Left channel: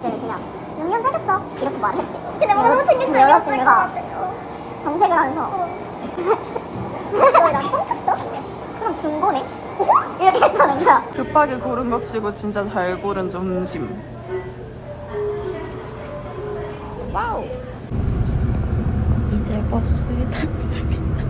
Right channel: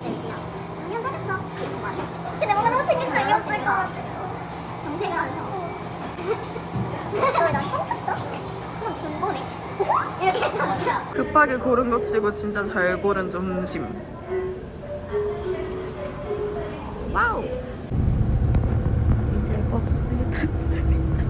그냥 6년 사귀었어 이렇게 말해 근데 뭐 너무 챙겼다 여자 친구가 정색을 하면서 왜난 훔쳤어? 그럼 중고네? 이렇게 했다는 거야 급하게 고른 것 치고 진짜 잘 고른 점심. 와우. 이제 버스에 탔습니다.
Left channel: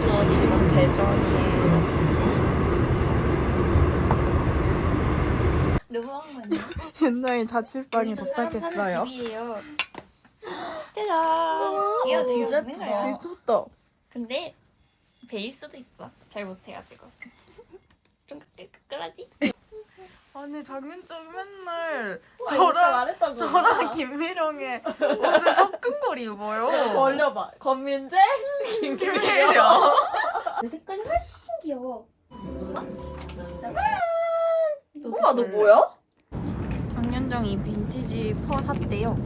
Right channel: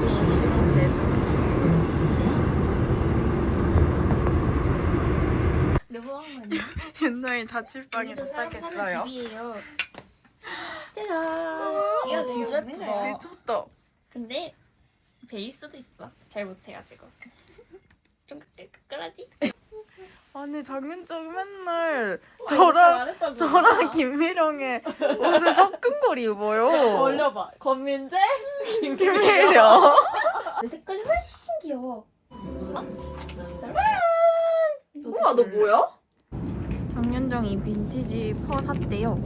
저 지금 대전에 네, 뭐 하는 거냐? 옛날 자취방에 도착했어요. 짜잔. 와, 진짜 예쁘다. 미쳤다. 근데 베일 수도 있어. 잘 못해가지고. 좀 끄끌끄끌하지? 아니 장윤정이 맨날 저랑 저랑 김미령의 옷을 섞은 걸 입어요. 올려봐. 권민재? 김미령. 내 색깔이 훨씬 귀여워. 우와, 너 뭐야? 장윤정이 빈티지 퍼 샀대요.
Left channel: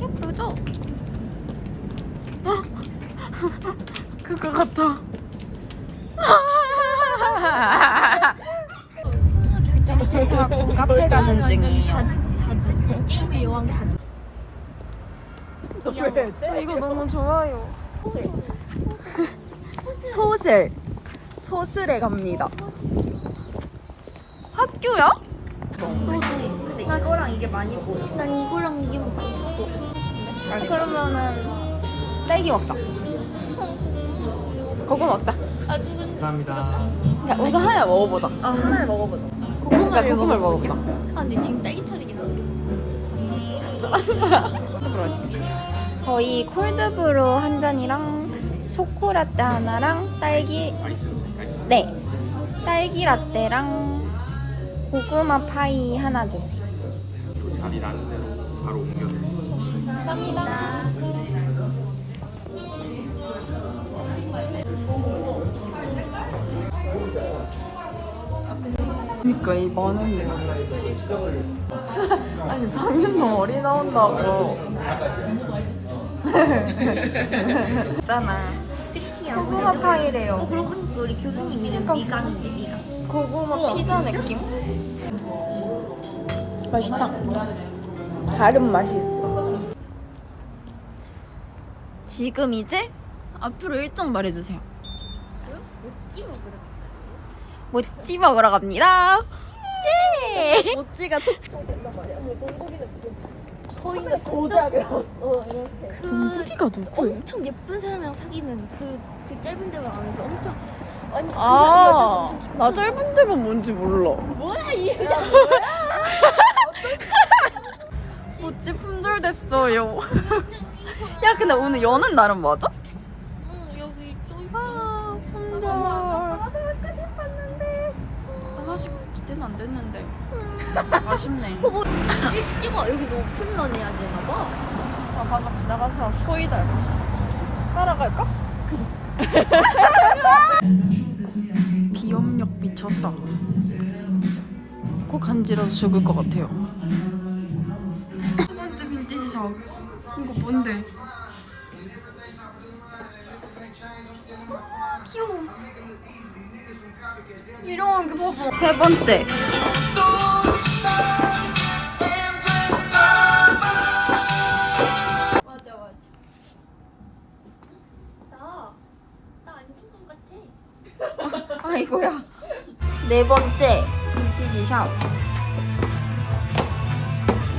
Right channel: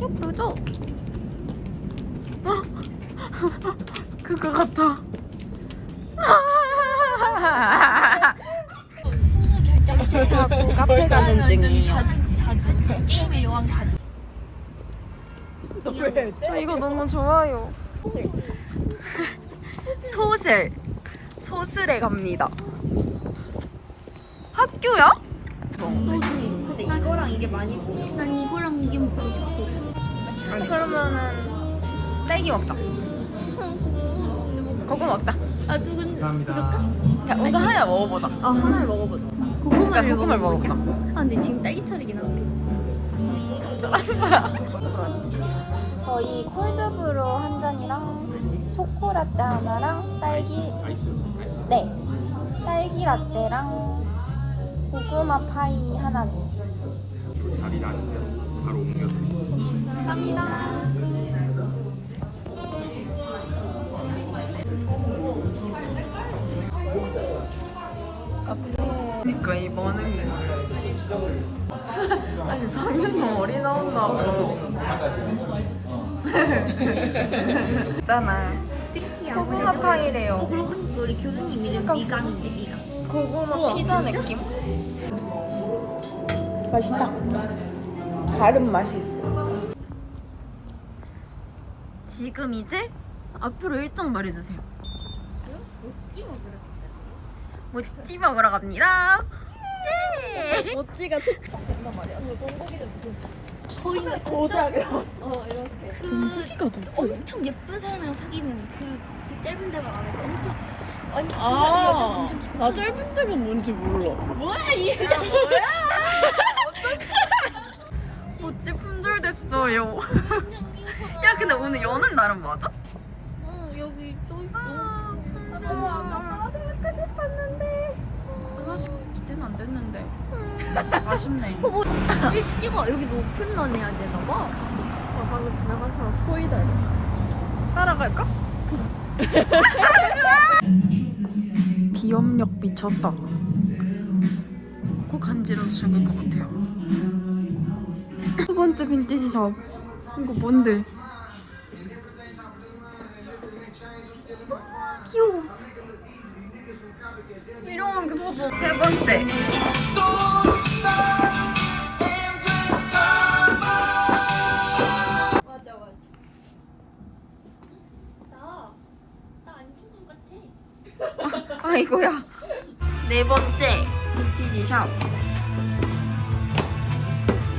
예쁘죠? 어? 그거 같아. 택시 타고 카페 가는 중이에요. 게임의 여왕 자두. 아, 이거 너무 좋아요. 소슬. 소슬에 갑니다. 학교야? 그렇지. 근데 이거랑 이게 많이 보여. 난 이거랑 이게 먹고 싶어. 그러면은 딸기 먹자. 그거 먹자. 감사합니다. 야, 우선 하나 먹어보자. 하나를 먹어보자. 그러니까 고구마를 먹어보자. 아, 근데 지금 딸기 차리긴 한데. 저희 콜드브루 한 잔이랑 초코라떼 하나랑 딸기 아이스로 드릴까요? 네 딸기 라떼랑 고구마 파이 하나 주세요. 이 자리 나는 대로 바로 옮겨드리겠습니다. 감사합니다. 그러니까 이 많은 게. 아니 장윤정 어리 나온다고. 있잖아. 고구마 어, 파이래요. 그러고 보니까 우리 교수님 이름 미강인데, 미강. 고구마 피자 느낌? 맛있다. 다른 맛이 있어. 지금 이제 앞으로 일정 말해주세요. 모찌 먹으러 갑니다. 예! 모찌가 초... 동국이가 누구예요? 엄청 예쁜 사람이랑 사귀는 그, 그 짧은 데만 가면서 엄청. 아, 나 짧은 데만 뭔지 몰라. 모찌 품절됐어요. 야, 근데 오늘 여는 날은 맞아? 안 됐는데. 아쉽네. 어, 뭐, 일- 찍어. 여기 높임만 해야 되나 봐. 아, 방금 지나간 사람 소희 닮았어. 따라갈까? 비염력 미쳤다. 코 간지러서 죽을 것 같아요. 두 번째 빈티지 샵. 이거 뭔데? 아, 귀여워. 이런 게 봐봐. 세 번째. 아. 아이고야. 네 번째 빈티지 샵.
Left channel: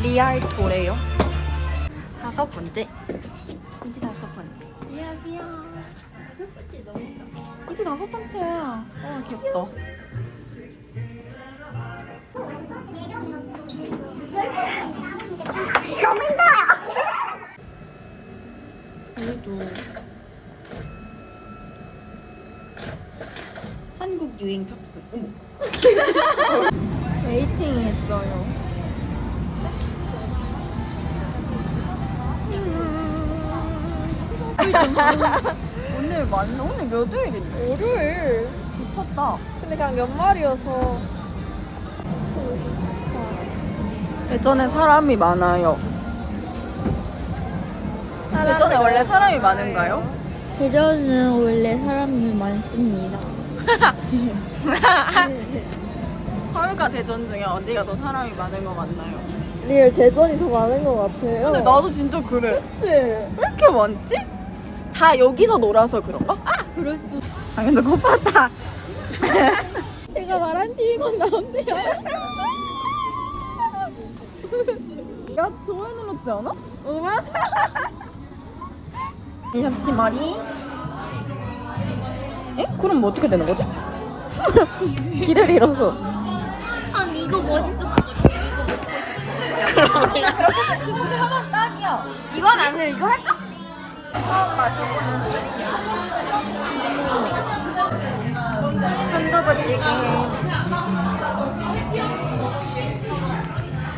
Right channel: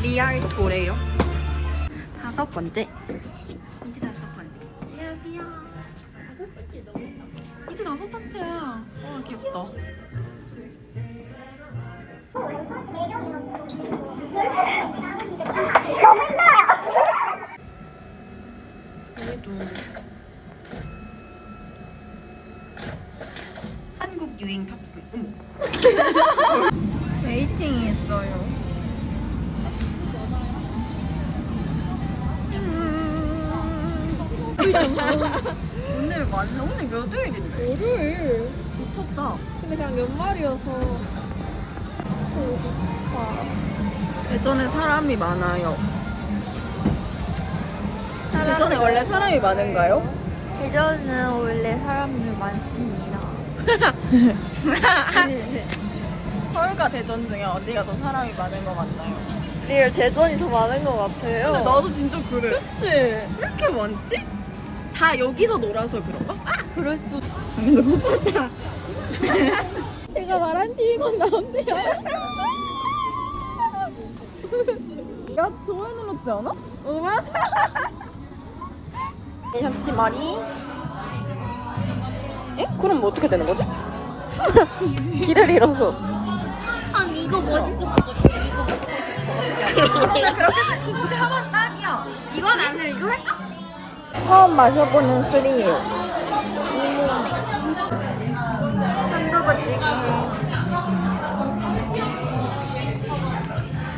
리알토래요. 다섯 번째. 이제 다섯 번째. 안녕하세요. 예쁘지, 너무 예뻐. 이제 다섯 번째야. 와 귀엽다. 너무 힘들어요 그래도 유인 탑승 응. 웨이팅 했어요. 음. 오늘 맞 오늘 몇 일인데? 월요일 미쳤다. 근데 그냥 연말이어서 대전에 사람이 많아요. 대전에 원래 사람이 많은가요? 대전은 원래 사람은 많습니다. 서울과 대전 중에 어디가 더 사람이 많은 것 같나요? 리얼 대전이 더 많은 것 같아요. 근데 나도 진짜 그래. 그치? 왜 이렇게 많지? 다 여기서 놀아서 그런가? 아! 그럴 수. 아 근데 못 봤다. 제가 말한 TV만 나온대요. 야 좋아요 눌렀지 않아? 어, 맞아. 잡지 말이. 에? 그럼 뭐 어떻게 되는 거지? 길을 잃어서. 아니 이거 멋있을 것 같아. 이거 먹고 싶어. 하면 딱이야. 이건 안 돼. 이거 할까? 처음 마셔보는 술이에요. 순두부찌개.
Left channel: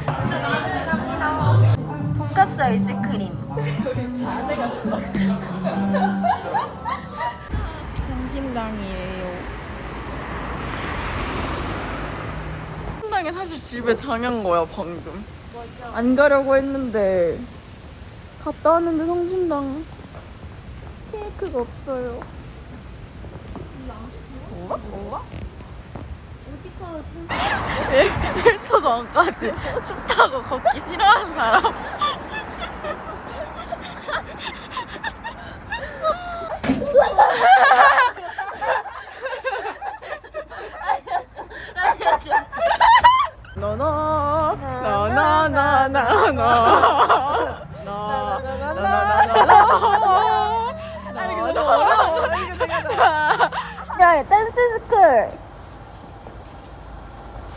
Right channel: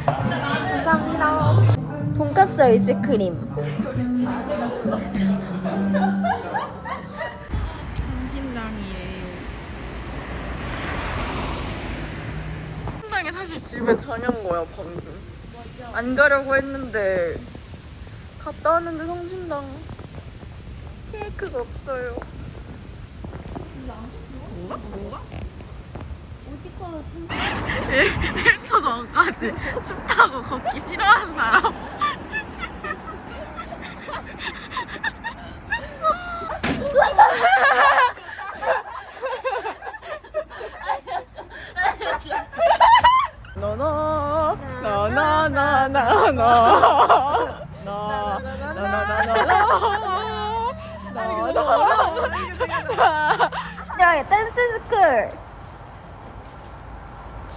감사합니다. 돈가스 아이스크림. 점심당이에요. 점 심당에 사실 집에 다녀온 거야 방금. 안 가려고 했는데 갔다 왔는데 성심당 케이크가 없어요. 뭐가? 뭐가? 어디가 1초 전까지 춥다고 걷기 싫어하는 사람. 너너 나나나나나 나나나나나 아니 근데 야 댄스 스쿨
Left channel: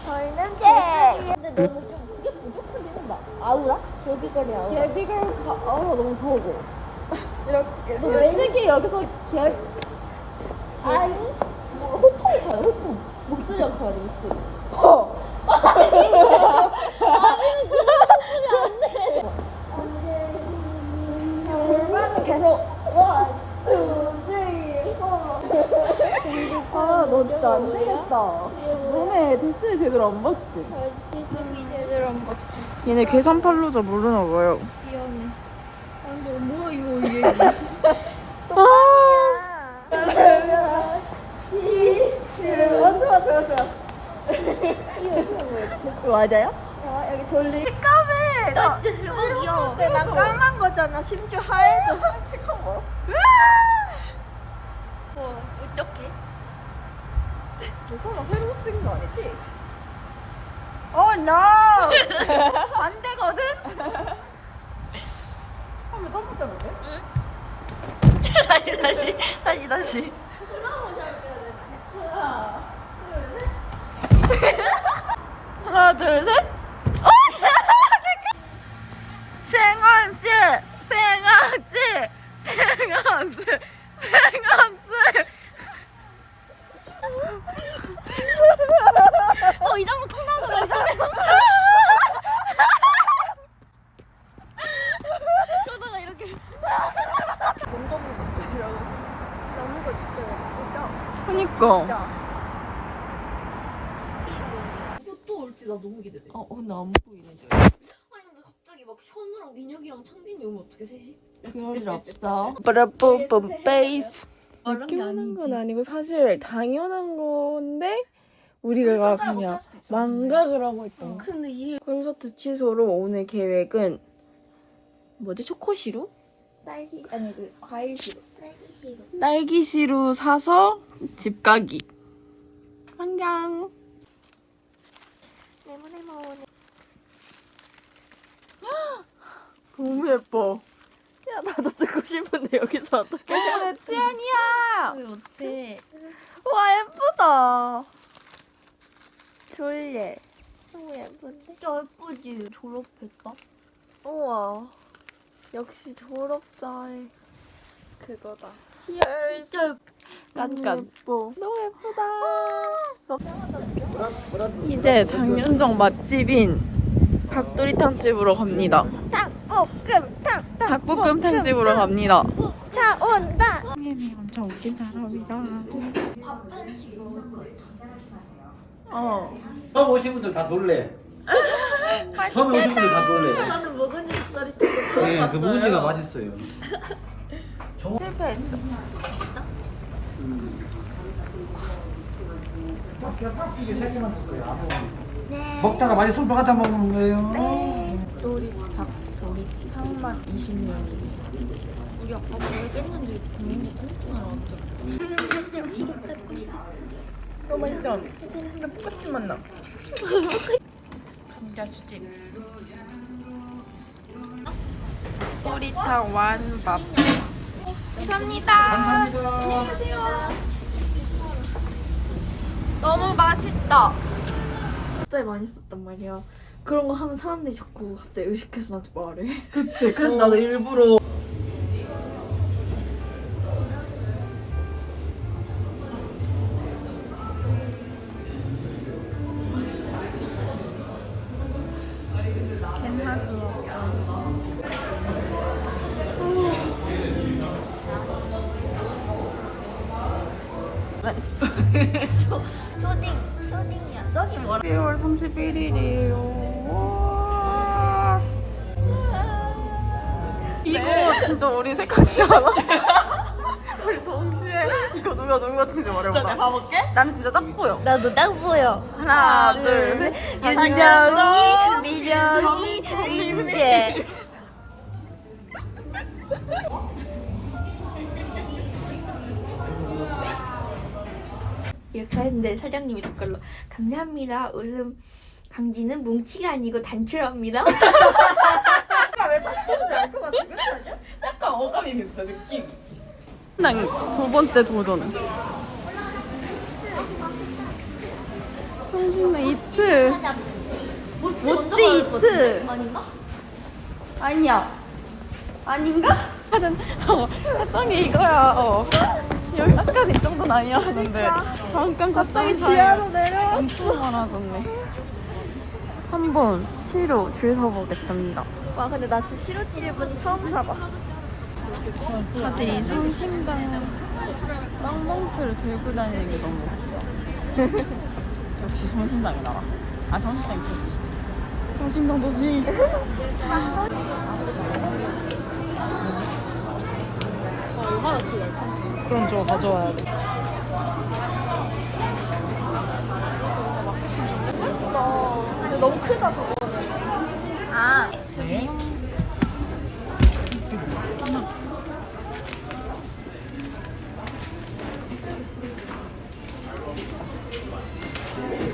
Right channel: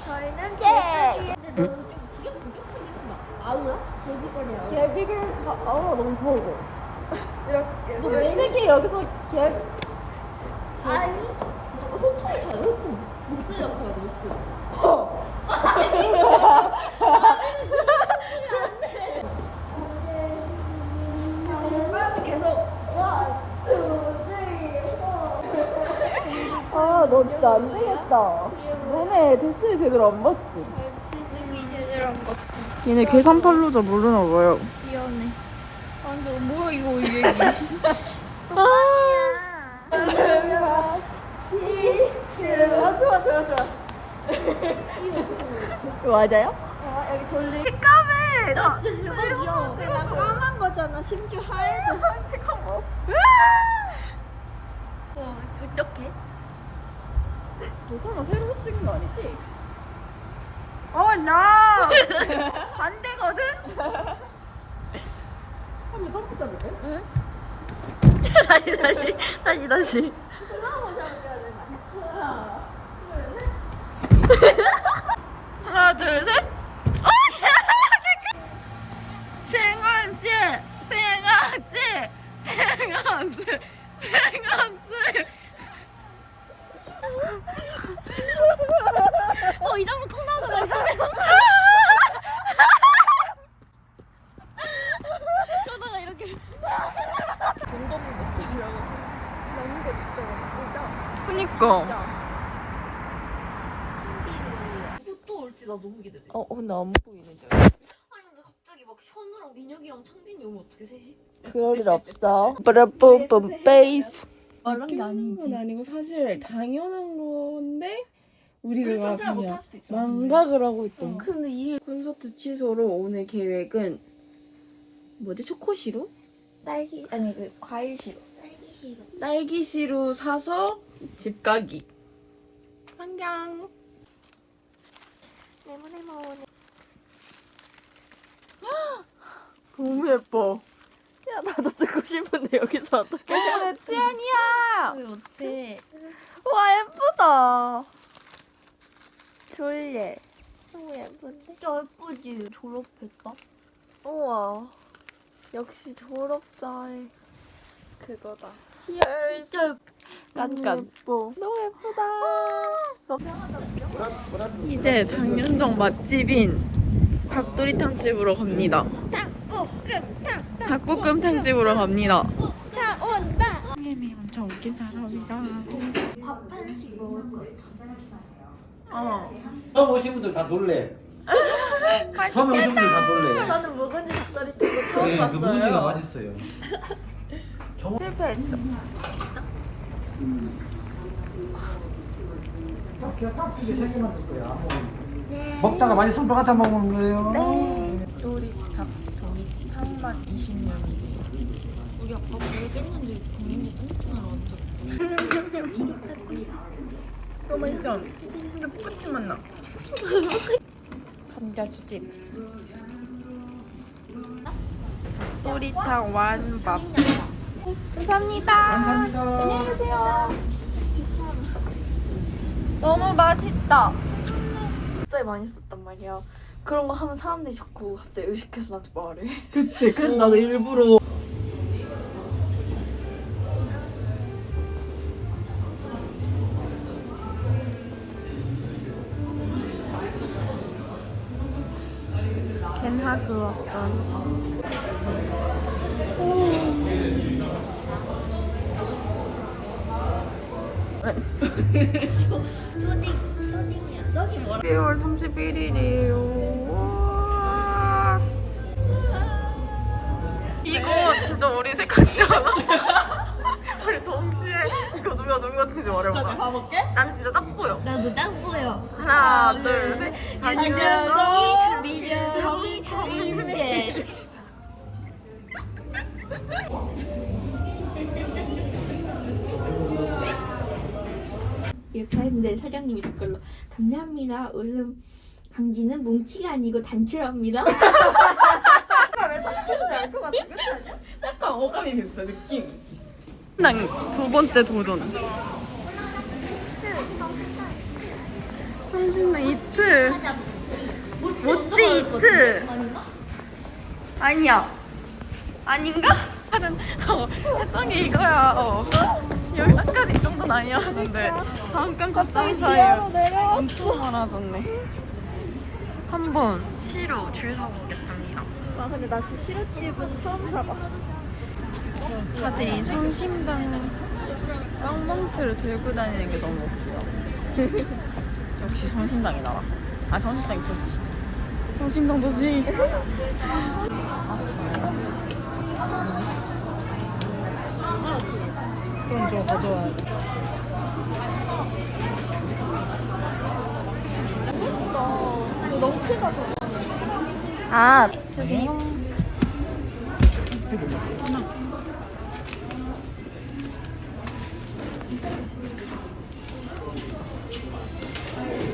저희는 예. 근데 너무 좀 그게 부족하긴 한다. 아우라? 데뷔거리 아우라. 개비를 가, 아 너무 적어. 이렇게 너 왜- 솔직히 여기서 개 아니? 호통이 잘 호통. 목소리가 잘 목소리. 아, 너 진짜 안 되겠다. 너네 댄스 제대로 안 봤지? 주승이 제대로 안 봤어. 얘네 계산 팔로자 모르나 봐요. 아 근데 뭐야 이거 이 얘기. 아, 좋아, 좋아, 좋아. 이거 맞아요? 아, 여기 돌리. 까매! 나 진짜 대박 귀여워. 난 까만 거잖아. 심지어 하얘져. 잠깐만. 어떡해? 괜찮아, 새로 찍은 거 아니지? 어, no! 안 되거든? 한번 한번 잡을게. 응? 다시, 다시, 다시, 다시. 하나, 둘, 셋. 생한씨, 생한씨. 어, 이 장면 통 나오더라, 이 장면. 그러다가 이렇게. 나무가 진짜 예쁘다. 그니까. 또 올지 나 너무 기대돼. 어, 근데 안 보이는데. 아니, 근데 갑자기 막 현우랑 민혁이랑 창빈이 오면 어떻게 셋이? 그럴 일 없어. 브라뿜뿜 베이스. 당연한 건 아니고 사실 당연한 건데 우리가 그냥. 망각을 하고 있던 거. 근데 이 콘서트 취소로 오늘 계획은 뭐지 초코시루? 딸기, 아니, 그, 과일 시루. 딸기 시루. 딸기 시루 사서 집 가기. 안녕. 네모네모. 너무 예뻐. 야 나도 듣고 싶은데 여기서 어떻게? 어, 내 취향이야. 왜 어때? 와 예쁘다. 졸려. 너무 예쁜데? 진짜 예쁘지? 졸업했다? 우와. 역시 졸업자의 그거다. 진짜 예쁘 깐깐. 예뻐. 너무 예쁘다. 이제 장윤정 맛집인 닭도리탕 집으로 갑니다. 닭볶음 탕 집으로 갑니다. 자, 오 진짜 웃긴 사람이다. 어. 처음 오신 분들 다 놀래. 처음 오신 분들 다 놀래. 저는 묵은지 닭도리탕도 처음 네, 그 봤어요. 묵은지가 맛있어요. 실패했어. 먹다가 많이 손 갖다 먹는 거예요. 도리 닭 탕맛 20년이. 우리 아빠 모르겠는데 국민지 뚱뚱하러 왔죠. 너무 맛있죠? 근데 똑같이 맛나. 감자수집. 도리탕 완밥. 감사합니다. 안녕하세요. 너무 맛있다. 갑자기 많이 썼단 말이야. 그런 거 하면 사람들이 자꾸 갑자기 의식해서 나한테 말해. 그치. 그래서 나도 일부러 왔어. 초딩, 초딩이야. 저기 뭐라? 12월 31일이에요. 진짜 우리 색깔이지 않아? 우리 동시에 이거 누가 누구 같은지 말해봐. 가볼게. 난 진짜 딱 보여. 나도 딱 보여. 하나, 둘, 셋. 장정이, 미련이, 김태. 이렇게 했는데 사장님이 댓글로 감사합니다. 웃음 강지는 뭉치가 아니고 단출합니다. 약간 어감이 비슷해, 느낌. 난두 번째 도전. 한신당 이트. 모찌 이트. 아닌가? 아니야. 아닌가? 하던 어, 했더니 이거야. 어. 여기 아까 이 정도는 아니었는데 잠깐 갔다 온 사이에 엄청 많아졌네. 한번 시로 줄 서보겠습니다. 와 근데 나 진짜 시루치즈분 처음 사봐. 다들 이 성심당 빵봉투를 들고 다니는 게 너무 웃겨. 역시 성심당이 나라. 아 성심당이 도시. 성심당 도시. 그럼 저 가져와야 돼. 너무 크다 저거. 아 주세요.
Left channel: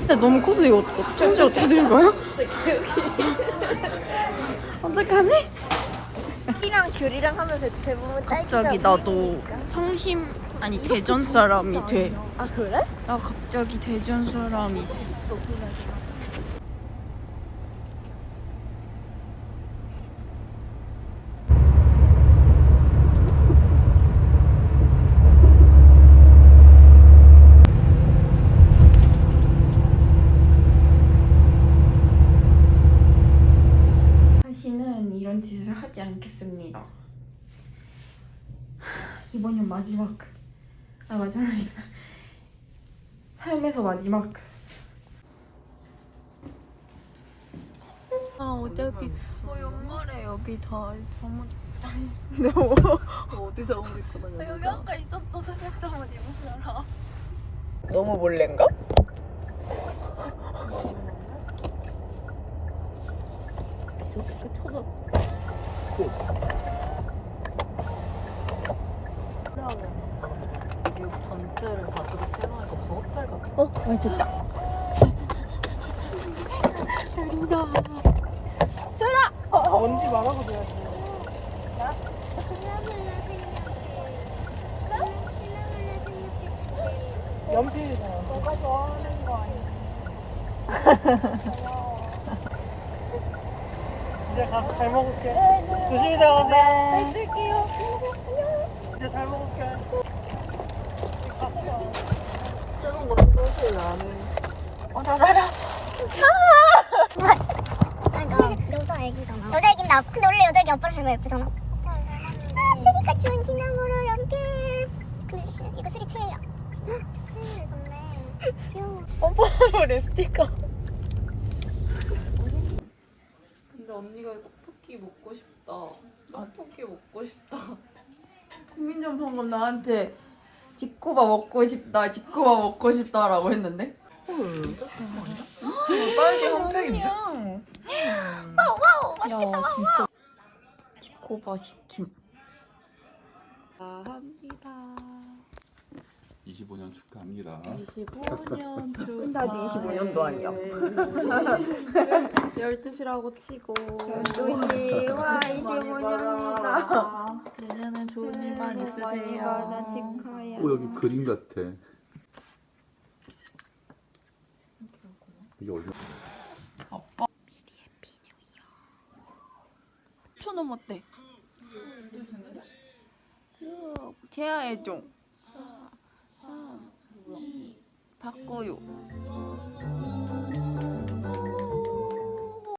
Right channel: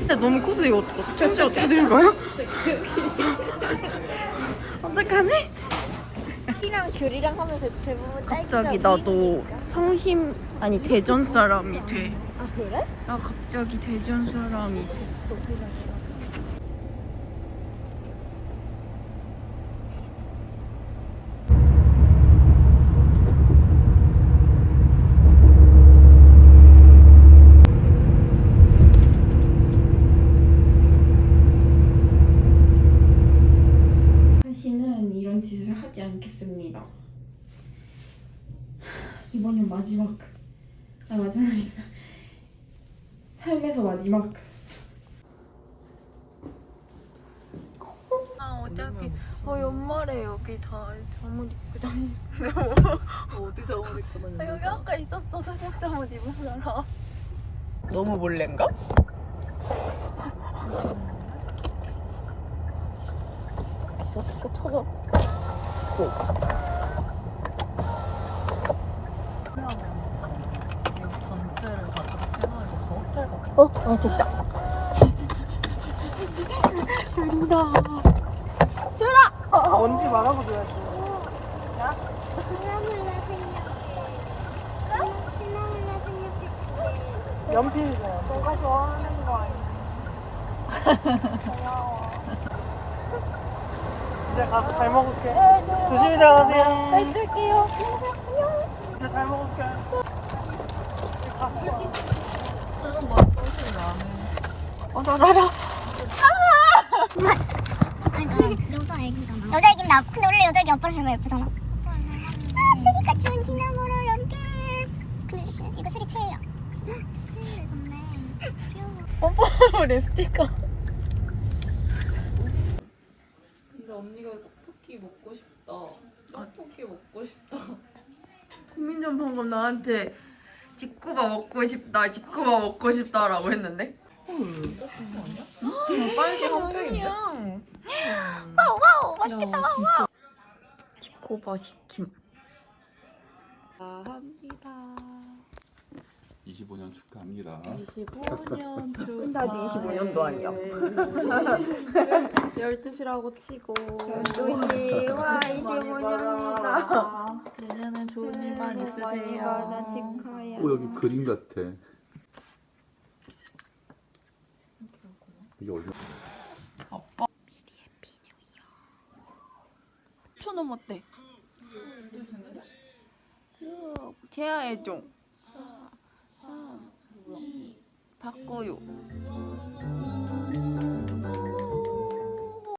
근데 너무 커서 이거 어쩐지 어떻게 될 거야? 어떡하지? 이랑 귤이랑 하면 대- 대부분 갑자기 나도 성심 아니 대전 사람이 돼. 아 그래? 나 갑자기 대전 사람이 됐어. 다시는 이런 짓을 하지 않겠습니다. 이번엔 마지막. 아 마지막. 삶에서 마지막. 아 어차피 어 연말에 여기 다 잠옷 입고 다니는데 뭐 어디 잠옷 입고 다녔는데? 여기 아까 있었어 새벽 잠옷 입은 사람. 너무 몰래인가? 쳐 도어 맞았다. 뭔지 말아보자. 연필이잖아. 너가 좋아하는 거 이제 가서 잘 먹을게. 조심히 들어가세요. 네, 들게요 이제 잘 먹을게. 저는 뭐 뜻이 나는. 어, 나, 나, 나. 아! 여자 애기잖아. 여자 애기나. 근데 원래 여자 애기 아빠랑 닮아 예쁘잖아. 아, 쓰니까 좋은 지나무로 연필. 근데 지금 이거 쓰기 체이야. 체이 아, 좋네. 뽀뽀로 립스티커. 언니가 떡볶이 먹고 싶다. 떡볶이 먹고 싶다. 국민전 방금 나한테 지코바 먹고 싶다, 지코바 먹고 싶다라고 했는데. 진짜 거 아니야? 딸기 핫팩인데? 와우 와우 맛있겠다 야, 진짜 지코바 시킴. 합니다. 25년 축하합니다. 25년 주. 근데 아직 25년도 아니야. 12시라고 치고. 12시 와 25년이다. 내년엔 좋은 일만 많이 있으세요. 받아 축하해. 오 여기 그림 같아. 이게 얼마? 초 넘었대. 제아의 종. 바꿔요.